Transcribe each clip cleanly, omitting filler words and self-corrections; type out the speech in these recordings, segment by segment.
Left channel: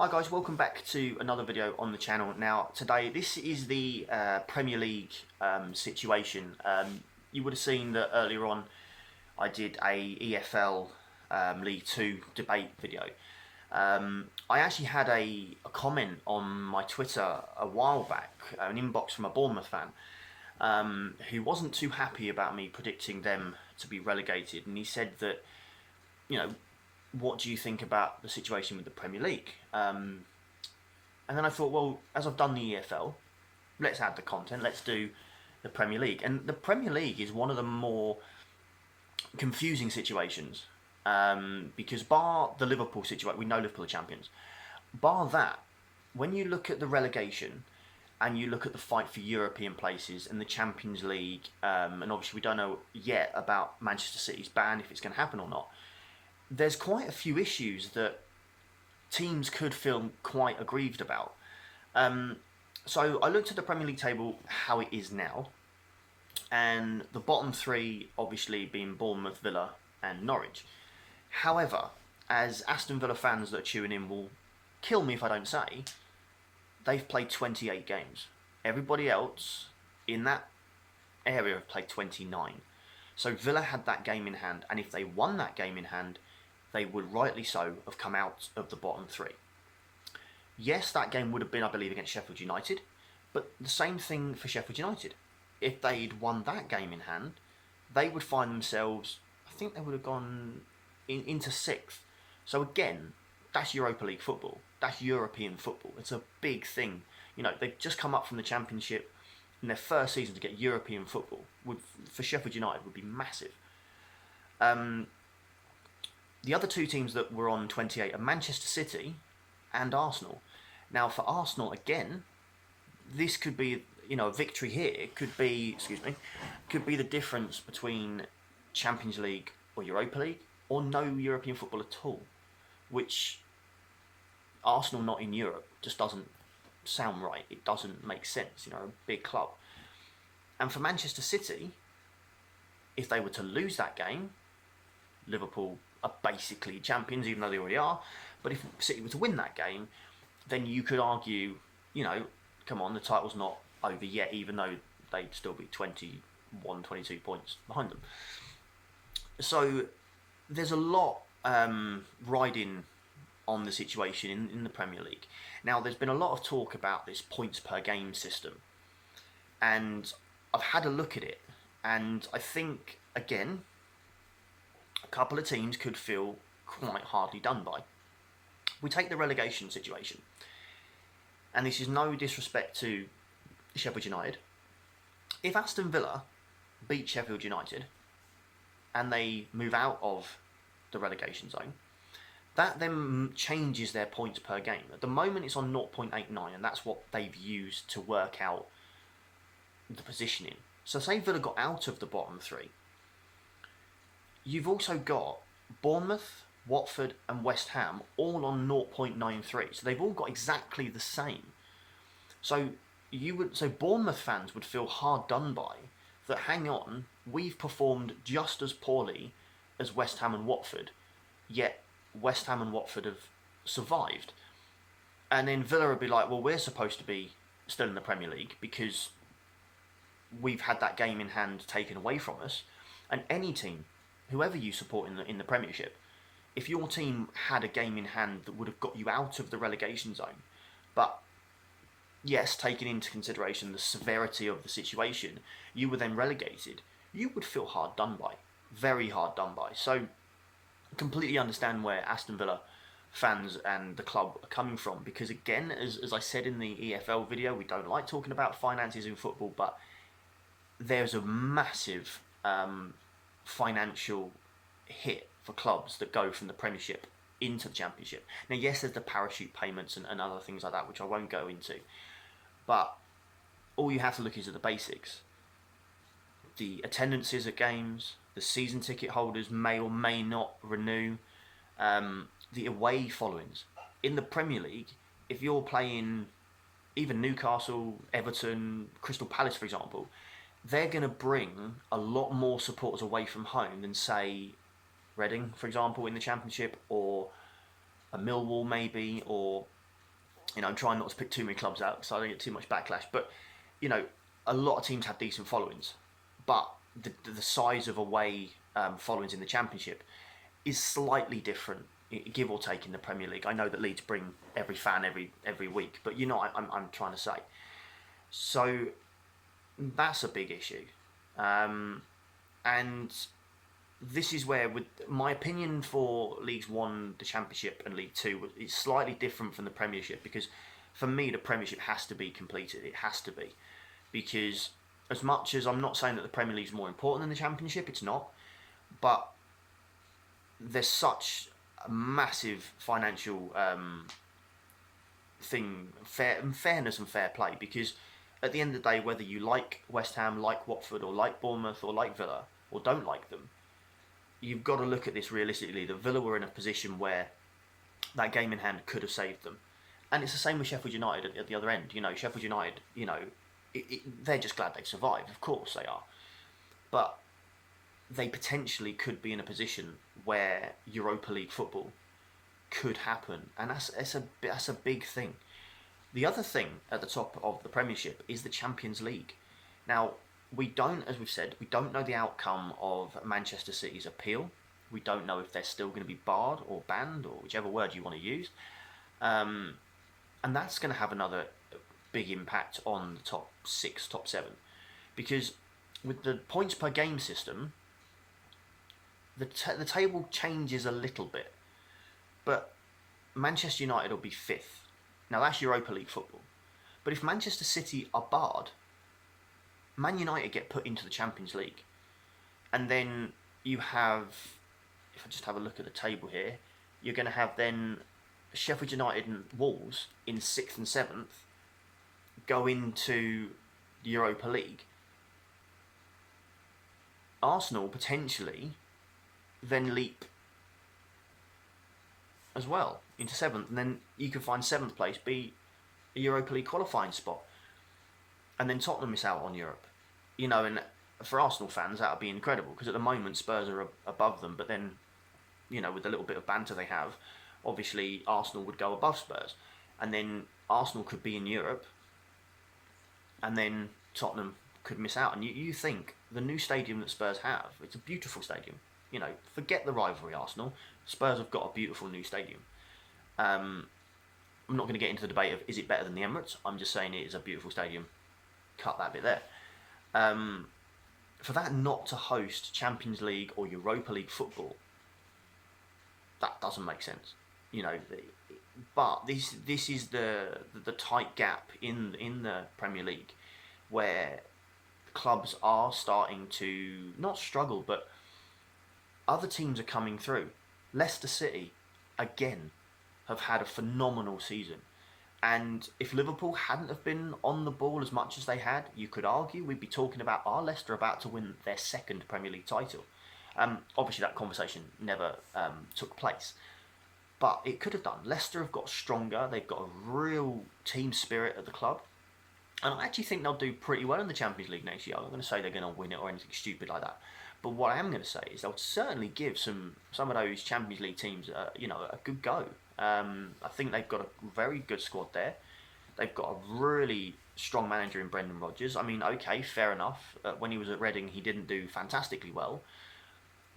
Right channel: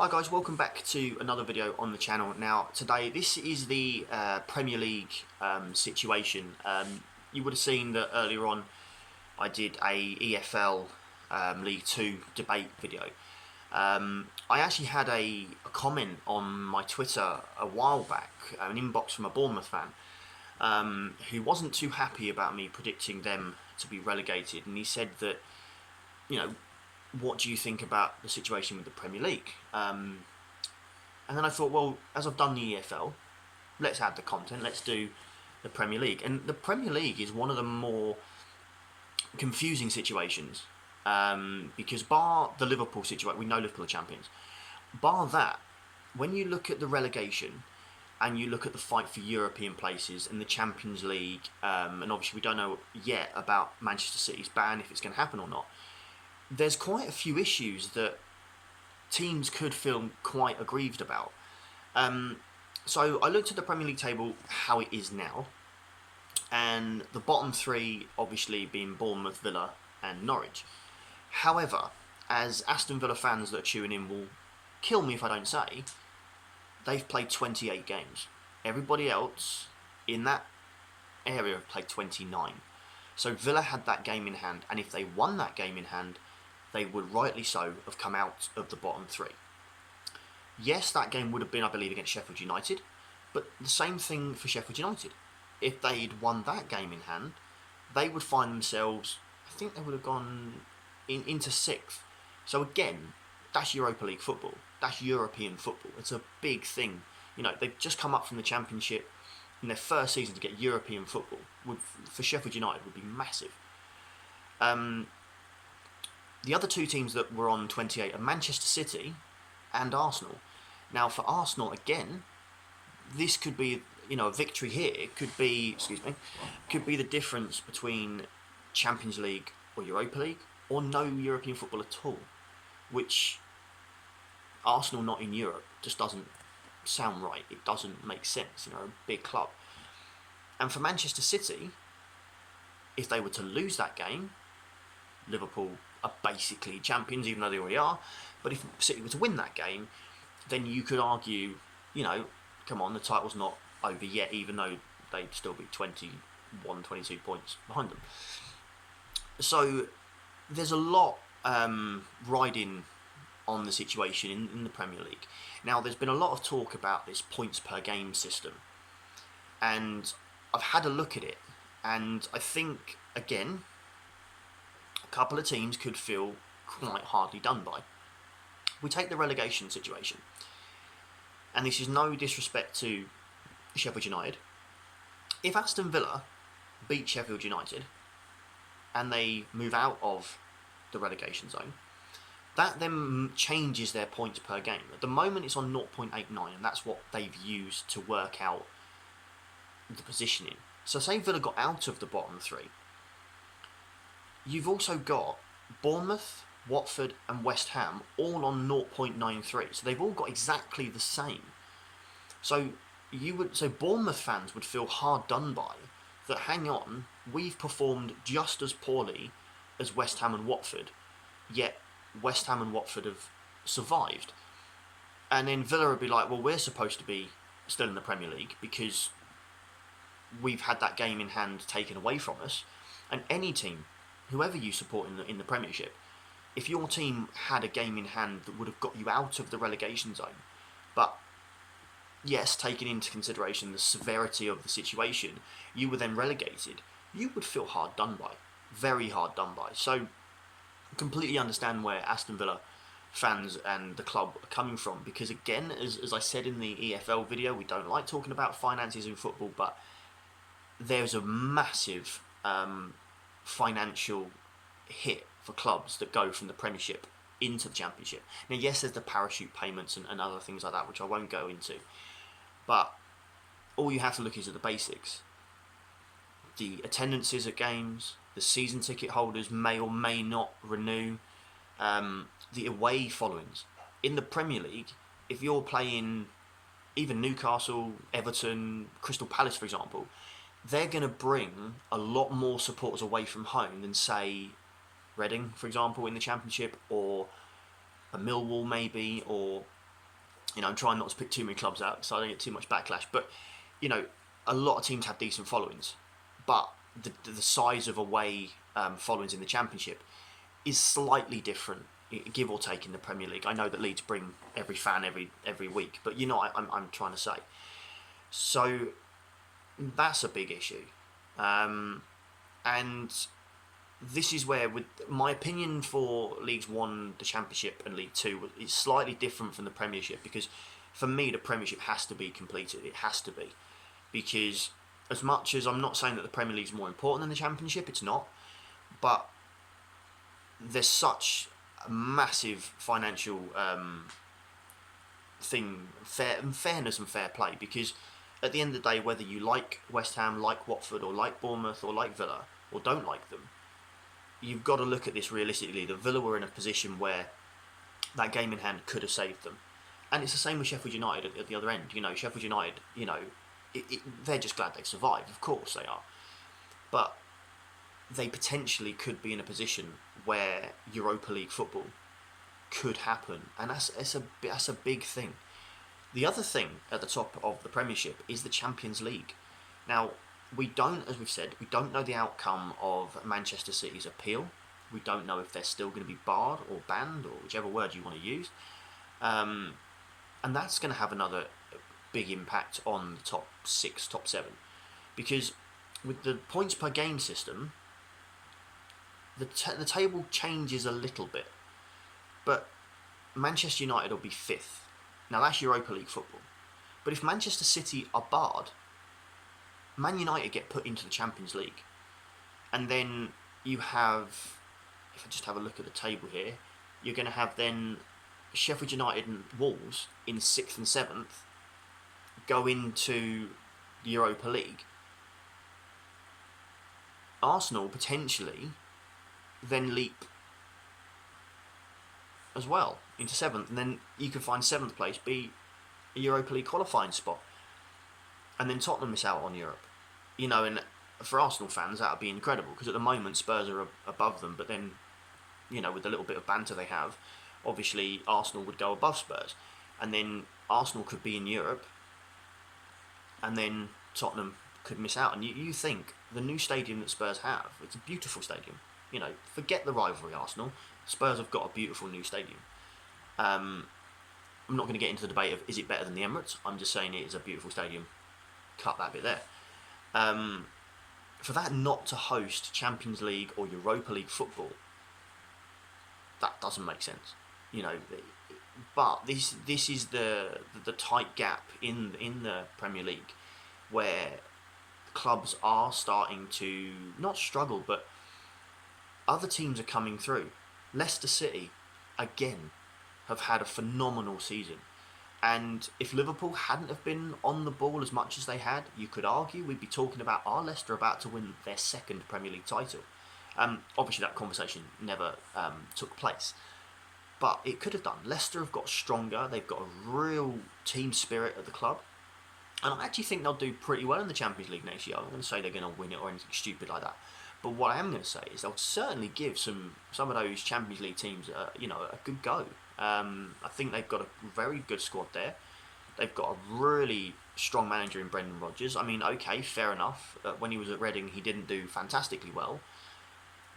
Hi guys, welcome back to another video on the channel. Now today this is the Premier League situation. You would have seen that earlier on I did a EFL League 2 debate video. I actually had a comment on my Twitter a while back, an inbox from a Bournemouth fan who wasn't too happy about me predicting them to be relegated, and he said that, you know, what do you think about the situation with the Premier League? And then I thought, well, as I've done the EFL, let's add the content, let's do the Premier League. And the Premier League is one of the more confusing situations, because bar the Liverpool situation, we know Liverpool are champions, bar that, when you look at the relegation and you look at the fight for European places and the Champions League, and obviously we don't know yet about Manchester City's ban, if it's going to happen or not, there's quite a few issues that teams could feel quite aggrieved about. So I looked at the Premier League table, how it is now, and the bottom three obviously being Bournemouth, Villa and Norwich. However, as Aston Villa fans that are tuning in will kill me if I don't say, they've played 28 games. Everybody else in that area have played 29. So Villa had that game in hand, and if they won that game in hand, they would rightly so have come out of the bottom three. Yes, that game would have been, I believe, against Sheffield United, but the same thing for Sheffield United. If they'd won that game in hand, they would find themselves, I think they would have gone into sixth. So again, that's Europa League football. That's European football. It's a big thing. You know, they've just come up from the Championship. In their first season to get European football for Sheffield United would be massive. The other two teams that were on 28 are Manchester City and Arsenal. Now, for Arsenal, again, this could be, a victory here. It could be, could be the difference between Champions League or Europa League or no European football at all, which Arsenal not in Europe just doesn't sound right. It doesn't make sense, a big club. And for Manchester City, if they were to lose that game, Liverpool are basically champions, even though they already are. But if City were to win that game, then you could argue, come on, the title's not over yet, even though they'd still be 21, 22 points behind them. So there's a lot riding on the situation in the Premier League. Now, there's been a lot of talk about this points per game system, and I've had a look at it, and I think, again, a couple of teams could feel quite hardly done by. We take the relegation situation, and this is no disrespect to Sheffield United. If Aston Villa beat Sheffield United and they move out of the relegation zone, that then changes their points per game. At the moment it's on 0.89, and that's what they've used to work out the positioning. So say Villa got out of the bottom three, you've also got Bournemouth, Watford and West Ham all on 0.93. So they've all got exactly the same. So Bournemouth fans would feel hard done by that. Hang on, we've performed just as poorly as West Ham and Watford, yet West Ham and Watford have survived. And then Villa would be like, well, we're supposed to be still in the Premier League because we've had that game in hand taken away from us. And any team, whoever you support in the Premiership, if your team had a game in hand that would have got you out of the relegation zone, but yes, taking into consideration the severity of the situation, you were then relegated, you would feel hard done by. Very hard done by. So completely understand where Aston Villa fans and the club are coming from, because again, as I said in the EFL video, we don't like talking about finances in football, but there's a massive financial hit for clubs that go from the Premiership into the Championship. Now, yes, there's the parachute payments and other things like that, which I won't go into, but all you have to look is at the basics. The attendances at games, the season ticket holders may or may not renew, the away followings. In the Premier League, if you're playing even Newcastle, Everton, Crystal Palace, for example, they're going to bring a lot more supporters away from home than, say, Reading, for example, in the Championship, or a Millwall maybe, or I'm trying not to pick too many clubs out so I don't get too much backlash. But a lot of teams have decent followings, but the size of away followings in the Championship is slightly different, give or take, in the Premier League. I know that Leeds bring every fan every week, but I'm trying to say. So that's a big issue, and this is where, with my opinion for Leagues One, the Championship, and League Two, is slightly different from the Premiership, because for me the Premiership has to be completed. It has to be, because as much as I'm not saying that the Premier League is more important than the Championship, it's not, but there's such a massive financial fairness and fair play, because at the end of the day, whether you like West Ham, like Watford, or like Bournemouth, or like Villa, or don't like them, you've got to look at this realistically. The Villa were in a position where that game in hand could have saved them, and it's the same with Sheffield United at the other end. Sheffield United, they're just glad they survived. Of course they are, but they potentially could be in a position where Europa League football could happen, and that's a big thing. The other thing at the top of the Premiership is the Champions League. Now, as we've said, we don't know the outcome of Manchester City's appeal. We don't know if they're still going to be barred or banned, or whichever word you want to use. And that's going to have another big impact on the top 6, top 7. Because with the points per game system, the table changes a little bit. But Manchester United will be 5th. Now, that's Europa League football. But if Manchester City are barred, Man United get put into the Champions League. And then you have, if I just have a look at the table here, you're going to have then Sheffield United and Wolves in 6th and 7th go into the Europa League. Arsenal potentially then leap as well into 7th, and then you can find 7th place be a Europa League qualifying spot, and then Tottenham miss out on Europe. And for Arsenal fans that would be incredible, because at the moment Spurs are above them, but then with the little bit of banter they have, obviously Arsenal would go above Spurs, and then Arsenal could be in Europe, and then Tottenham could miss out. And you think the new stadium that Spurs have, it's a beautiful stadium. Forget the rivalry, Arsenal. Spurs have got a beautiful new stadium. I'm not going to get into the debate of is it better than the Emirates. I'm just saying it is a beautiful stadium. Cut that bit there. For that not to host Champions League or Europa League football, that doesn't make sense. But this is the tight gap in the Premier League, where clubs are starting to not struggle, but other teams are coming through. Leicester City, again, have had a phenomenal season. And if Liverpool hadn't have been on the ball as much as they had, you could argue we'd be talking about, are Leicester about to win their 2nd Premier League title? Obviously that conversation never took place, but it could have done. Leicester have got stronger. They've got a real team spirit at the club. And I actually think they'll do pretty well in the Champions League next year. I'm not going to say they're going to win it or anything stupid like that. But what I am going to say is they'll certainly give some of those Champions League teams, a good go. I think they've got a very good squad there. They've got a really strong manager in Brendan Rodgers. I mean, okay, fair enough. When he was at Reading, he didn't do fantastically well,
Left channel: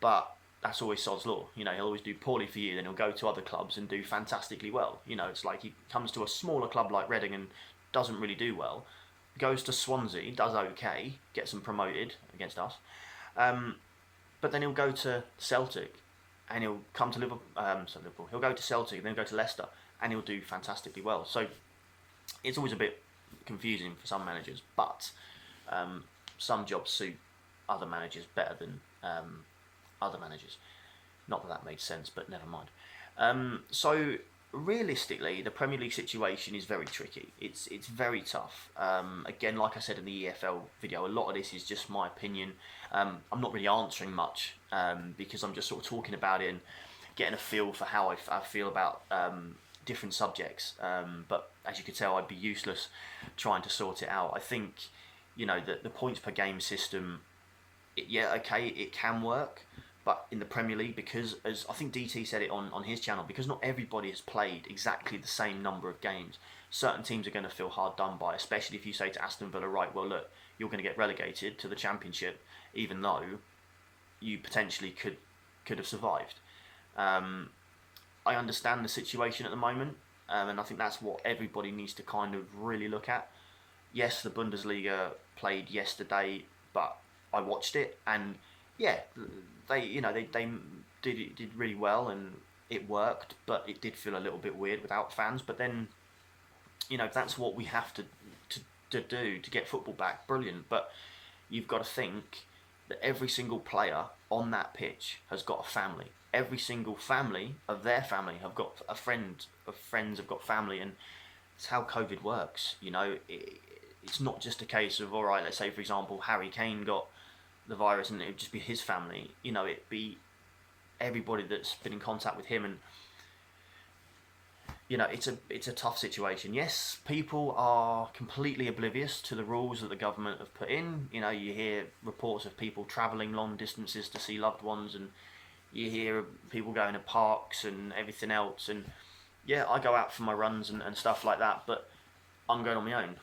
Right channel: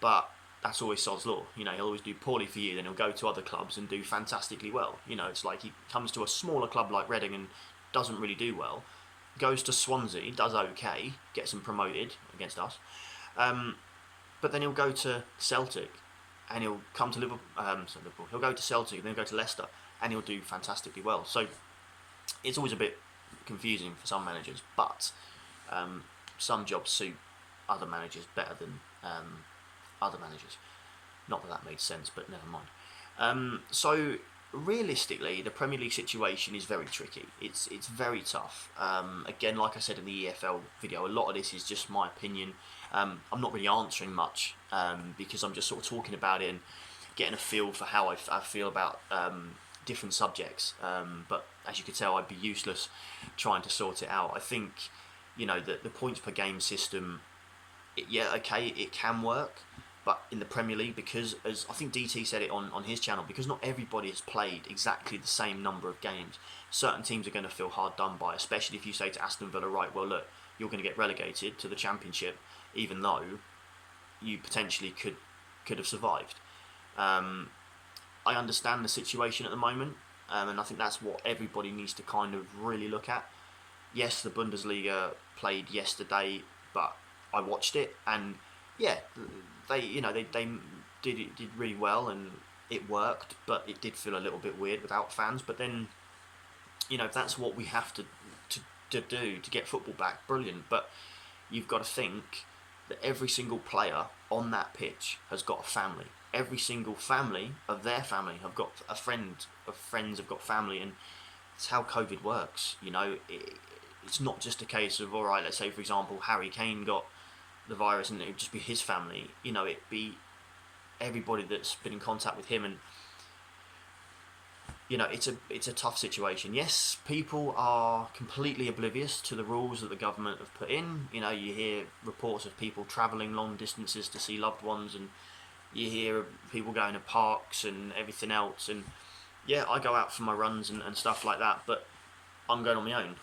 but that's always sod's law. He'll always do poorly for you, then he'll go to other clubs and do fantastically well. It's like he comes to a smaller club like Reading and doesn't really do well. Goes to Swansea, does okay, gets them promoted against us. But then he'll go to Celtic, and he'll come to Liverpool. He'll go to Celtic, and then he'll go to Leicester, and he'll do fantastically well. So it's always a bit confusing for some managers, but some jobs suit other managers better than other managers. Not that made sense, but never mind. So realistically, the Premier League situation is very tricky. It's very tough. Again, like I said in the EFL video, a lot of this is just my opinion. I'm not really answering much because I'm just sort of talking about it and getting a feel for how I feel about different subjects. But as you can tell, I'd be useless trying to sort it out. I think, the points per game system, it can work, But in the Premier League, because as I think DT said it on his channel, because not everybody has played exactly the same number of games, certain teams are going to feel hard done by, especially if you say to Aston Villa, right, well, look, you're going to get relegated to the Championship, even though you potentially could have survived. I understand the situation at the moment, and I think that's what everybody needs to kind of really look at. Yes, the Bundesliga played yesterday, but I watched it, and yeah, they did really well, and it worked, but it did feel a little bit weird without fans. But then, if that's what we have to do to get football back, brilliant. But you've got to think that every single player on that pitch has got a family. Every single family of their family have got a friend of friends have got family, and it's how COVID works. It's not just a case of, all right, let's say for example Harry Kane got the virus and it'd just be his family. It'd be everybody that's been in contact with him, and it's a tough situation. Yes, people are completely oblivious to the rules that the government have put in. You hear reports of people travelling long distances to see loved ones, and you hear of people going to parks and everything else. And yeah, I go out for my runs and stuff like that, but I'm going on my own.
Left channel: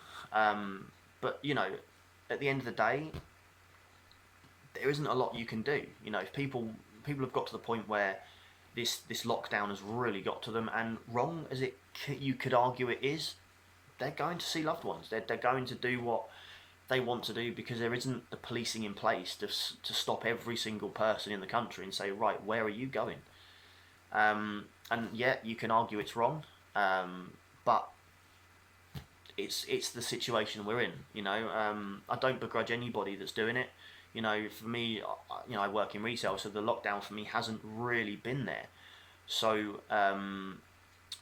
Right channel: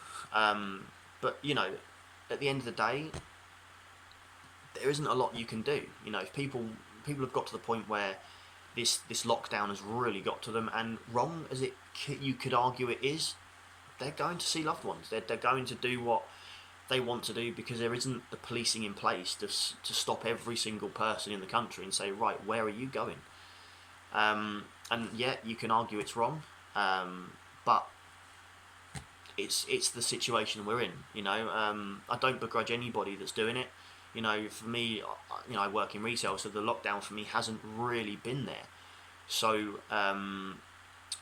But at the end of the day, there isn't a lot you can do. If people have got to the point where this lockdown has really got to them, and wrong as you could argue it is, they're going to see loved ones. They're going to do what they want to do, because there isn't the policing in place to stop every single person in the country and say, right, where are you going? And yeah, you can argue it's wrong, but it's the situation we're in. I don't begrudge anybody that's doing it. For me, I work in retail, so the lockdown for me hasn't really been there. So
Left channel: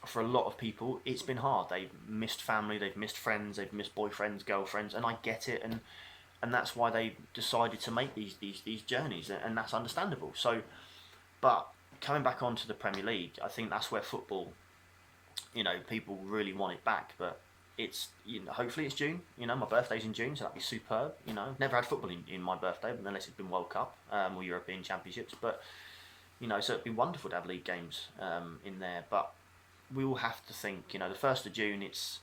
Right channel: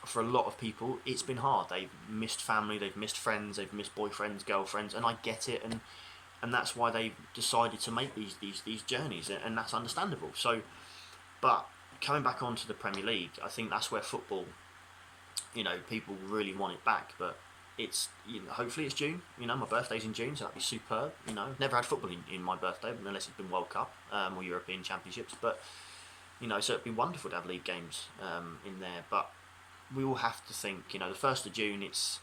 for a lot of people, it's been hard. They've missed family, they've missed friends, they've missed boyfriends, girlfriends, and I get it, and that's why they've decided to make these journeys, and that's understandable. So, but coming back onto the Premier League, I think that's where football, people really want it back, but it's hopefully it's June. My birthday's in June, so that'd be superb. Never had football in my birthday, unless it's been World Cup or European Championships. But so it'd be wonderful to have league games in there. But we will have to think. The 1st of June, it's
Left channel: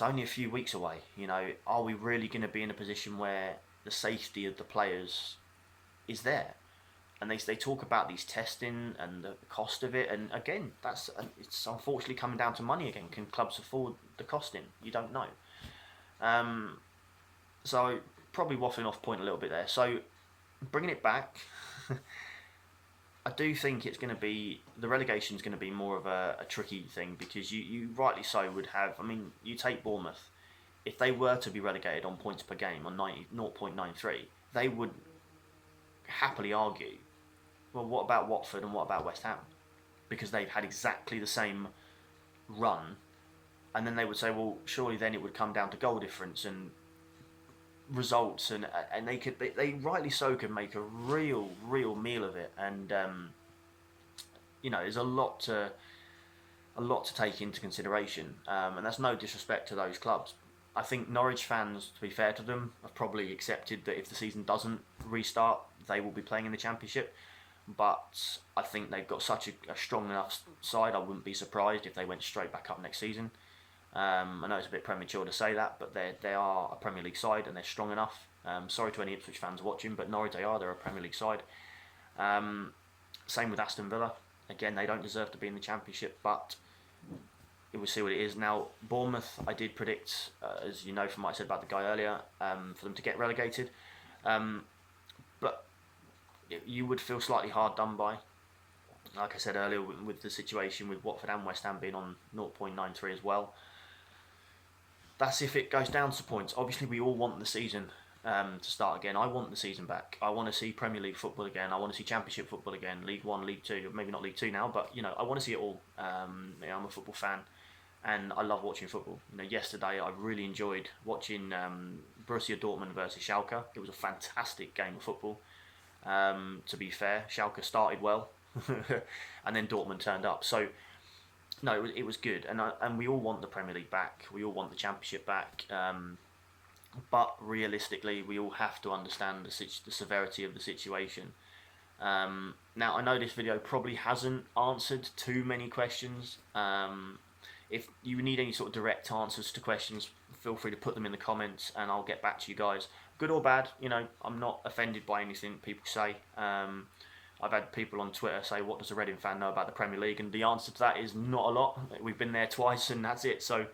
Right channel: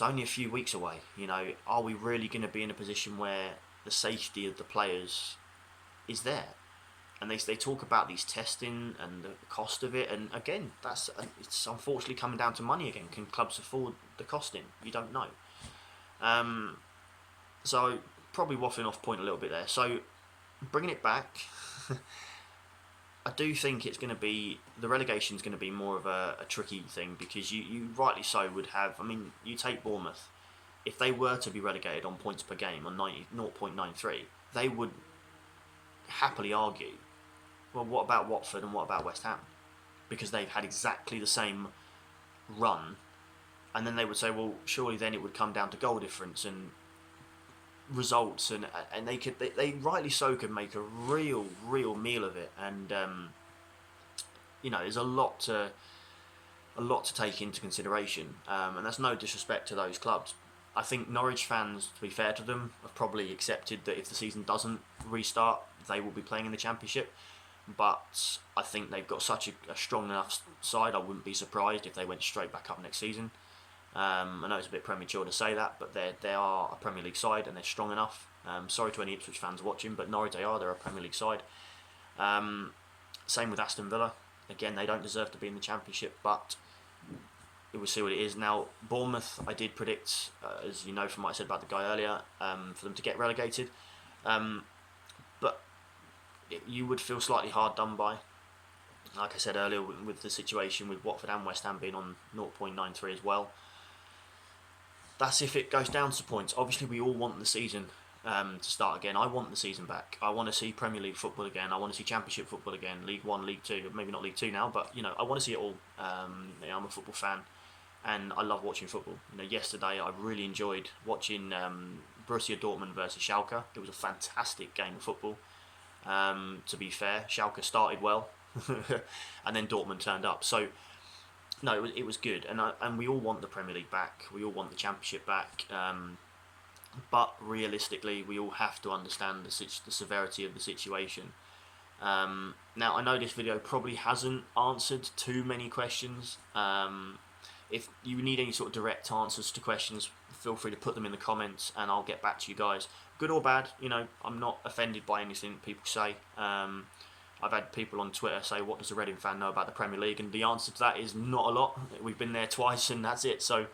only a few weeks away. Are we really going to be in a position where the safety of the players is there? And they talk about these testing and the cost of it, and again, it's unfortunately coming down to money again. Can clubs afford the costing? You don't know. So probably waffling off point a little bit there. So bringing it back, I do think it's going to be, the relegation is going to be more of a tricky thing, because you rightly so would have. I mean, you take Bournemouth, if they were to be relegated on points per game on 0.93, they would happily argue, well, what about Watford and what about West Ham? Because they've had exactly the same run, and then they would say, well, surely then it would come down to goal difference and results, and they rightly so could make a real meal of it. And there's a lot to take into consideration, and that's no disrespect to those clubs. I think Norwich fans, to be fair to them, have probably accepted that if the season doesn't restart, they will be playing in the Championship. But I think they've got such a strong enough side, I wouldn't be surprised if they went straight back up next season. I know it's a bit premature to say that, but they are a Premier League side and they're strong enough. Sorry to any Ipswich fans watching, but Norwich, they're a Premier League side. Same with Aston Villa. Again, they don't deserve to be in the Championship, but we'll see what it is. Now, Bournemouth, I did predict, as you know from what I said about the guy earlier, for them to get relegated. But you would feel slightly hard done by. Like I said earlier, with the situation with Watford and West Ham being on 0.93 as well. That's if it goes down to points. Obviously, we all want the season to start again. I want the season back. I want to see Premier League football again. I want to see Championship football again. League 1, League 2. Maybe not League 2 now, but I want to see it all. I'm a football fan, and I love watching football. Yesterday I really enjoyed watching Borussia Dortmund versus Schalke. It was a fantastic game of football. To be fair, Schalke started well, and then Dortmund turned up. So, no, it was good, and we all want the Premier League back. We all want the Championship back. But realistically, we all have to understand the severity of the situation. Now I know this video probably hasn't answered too many questions. If you need any sort of direct answers to questions, feel free to put them in the comments and I'll get back to you guys. Good or bad, you know, I'm not offended by anything people say. I've had people on Twitter say, what does a Reading fan know about the Premier League? And the answer to that is not a lot. We've been there twice and that's it. So,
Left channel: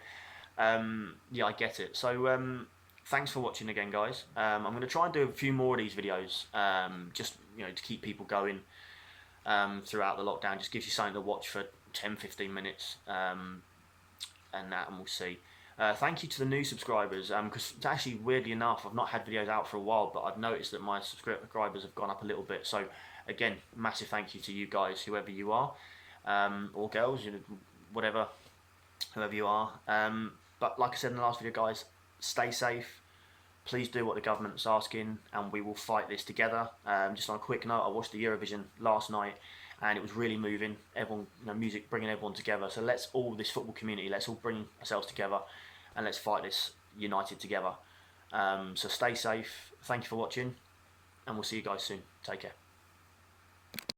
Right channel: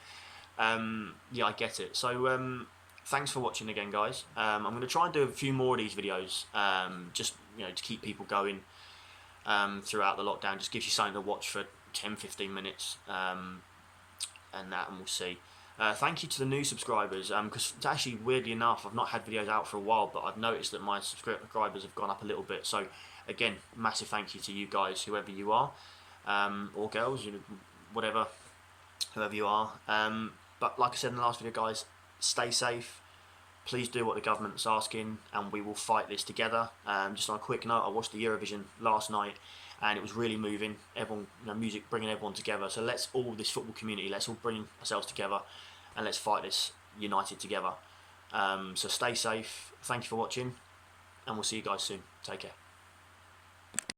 yeah, I get it. So, thanks for watching again, guys. I'm going to try and do a few more of these videos, just, you know, to keep people going throughout the lockdown. Just gives you something to watch for 10-15 minutes. And we'll see. Thank you to the new subscribers, because actually, weirdly enough, I've not had videos out for a while, but I've noticed that my subscribers have gone up a little bit. So again, massive thank you to you guys, whoever you are, or girls, you know, whatever, whoever you are. But like I said in the last video, guys, stay safe. Please do what the government's asking, and we will fight this together. Just on a quick note, I watched the Eurovision last night, and it was really moving. Everyone, you know, music bringing everyone together. So let's all, this football community, let's all bring ourselves together, and let's fight this united together. So stay safe. Thank you for watching, and we'll see you guys soon. Take care.